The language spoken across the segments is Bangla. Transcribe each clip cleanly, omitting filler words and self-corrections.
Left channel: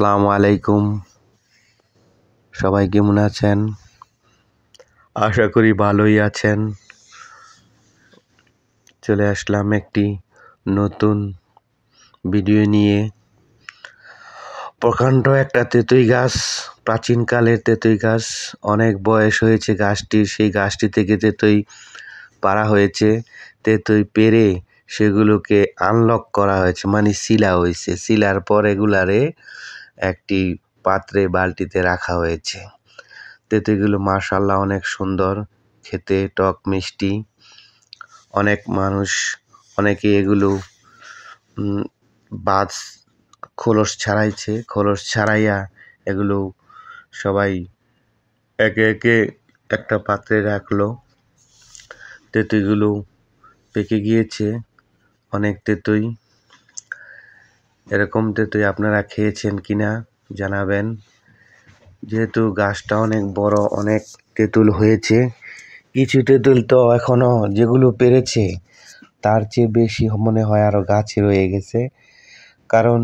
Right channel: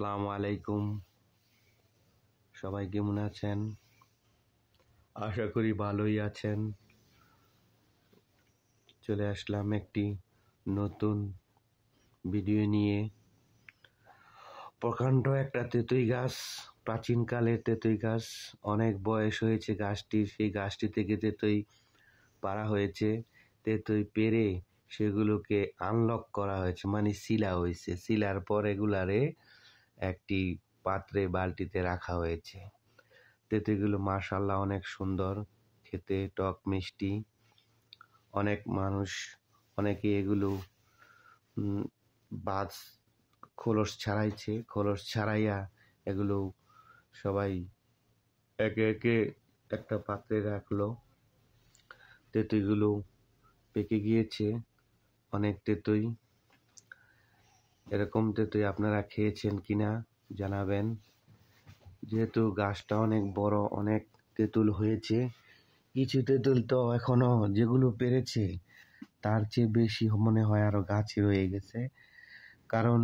আসসালামু আলাইকুম। সবাই কেমন আছেন? আশা করি ভালোই আছেন। চলে আসলাম একটি নতুন ভিডিও নিয়ে। প্রকাণ্ড একটা তেঁতুল গাছ, প্রাচীনকালের তেঁতুল গাছ, অনেক বয়স হয়েছে গাছটির। সেই গাছটি থেকে তেঁতুল পাড়া হয়েছে। তেঁতুল পেড়ে সেগুলোকে আনলক করা হয়েছে, মানে শিলা হয়েছে। শিলার পর এগুলারে একটি পাত্রে বালতিতে রাখা হয়েছে। তেঁতুলগুলো মাশাআল্লাহ অনেক সুন্দর খেতে, টক মিষ্টি। অনেক মানুষ অনেকে এগুলো খোলস ছাড়াইছে, খোলস ছাড়াইয়া এগুলো সবাই একে একে একটা পাত্রে রাখলো। তেঁতুলগুলো পেকে গিয়েছে, অনেক তেঁতুল। এরকম তেঁতুল আপনারা খেয়েছেন কিনা জানাবেন। যেহেতু গাছটা অনেক বড়, অনেক তেঁতুল হয়েছে। কিছু তেঁতুল তো এখনো যেগুলো পেরেছে তার চেয়ে বেশি মনে হয় আরো গাছে রয়ে গেছে, কারণ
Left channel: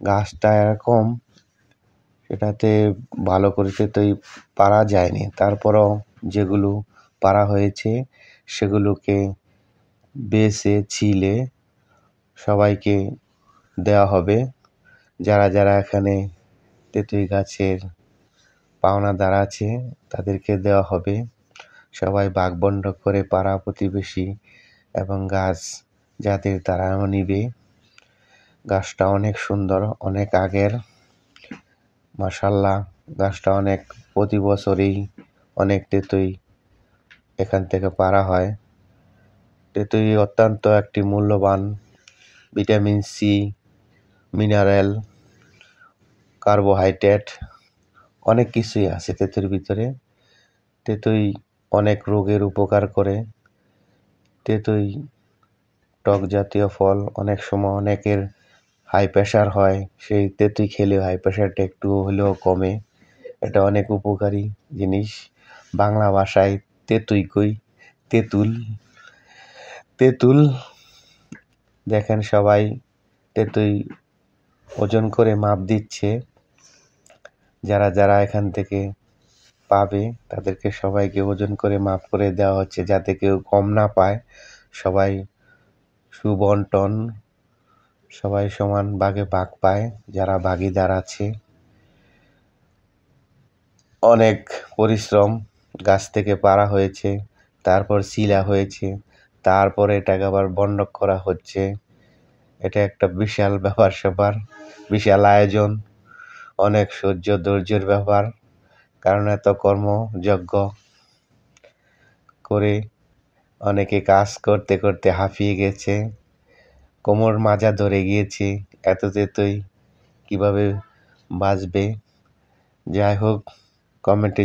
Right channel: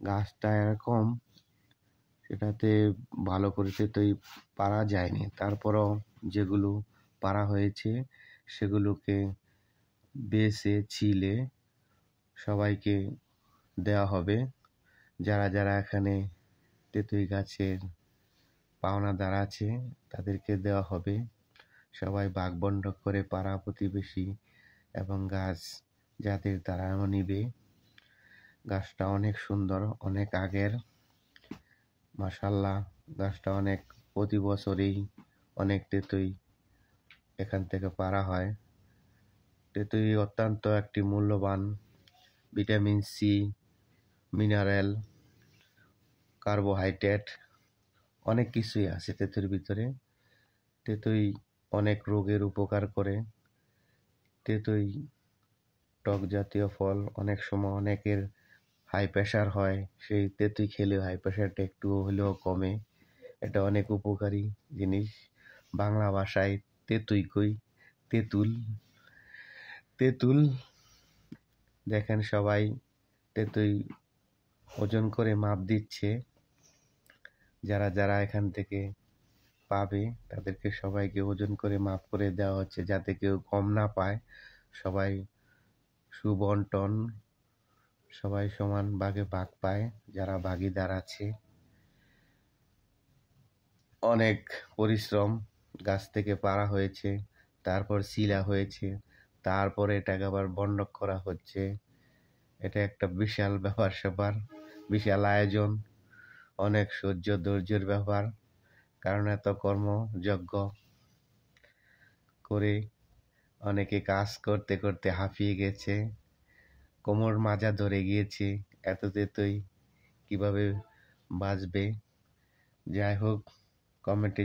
গাছটা এরকম, এটাতে ভালো করে তেঁতুল পারা যায়নি। তারপরও যেগুলো পারা হয়েছে সেগুলোকে বেছে ছিলে সবাইকে দেওয়া হবে। যারা যারা এখানে তেঁতুল গাছের পাওনাদার আছে তাদেরকে দেওয়া হবে। সবাই ভাগবণ্ড করে পাড়া প্রতিবেশী এবং গাছ যাদের তারাও নিবে। গাছটা অনেক সুন্দর, অনেক আগের। মাশাআল্লাহ, গাছটা অনেক, প্রতি বছরই অনেক তেঁতুল এখান থেকে পাড়া হয়। তেঁতুল অত্যন্ত একটি মূল্যবান, ভিটামিন সি, মিনারেল, কার্বোহাইড্রেট, অনেক কিছুই আছে তেঁতুল ভিতরে। তেঁতুল অনেক রোগের উপকার করে। তেঁতুল টক জাতীয় ফল। অনেক সময় অনেকের হাই প্রেশার হয়, সেই তেঁতুল খেলেও হাই প্রেশারটা একটু হলেও কমে। এটা অনেক উপকারী জিনিস। বাংলা ভাষায় তেঁতুল কই, তেঁতুল। তেঁতুল দেখেন সবাই তেঁতুল ওজন করে মাপ দিচ্ছে। যারা যারা এখান থেকে পাবে তাদেরকে সবাইকে ওজন করে মাপ করে দেওয়া হচ্ছে, যাতে কেউ কম না পায়। সবাই সুবন্টন, সবাই সমান ভাগে ভাগ পায় যারা ভাগিদার আছে। অনেক পরিশ্রম, গাছ থেকে পাড়া হয়েছে, তারপর শিলা হয়েছে, তারপরে এটাকে আবার বন্ধক করা হচ্ছে। এটা একটা বিশাল ব্যাপার স্যাপার, বিশাল আয়োজন, অনেক ধৈর্যের ব্যাপার। কারণ এত কর্মযজ্ঞ করে অনেকে কাজ করতে করতে হাঁপিয়ে গেছে, কোমর মাজা ধরে গিয়েছে। এত তেঁতুল কিভাবে বাঁচবে? যাই হোক, কমেন্টে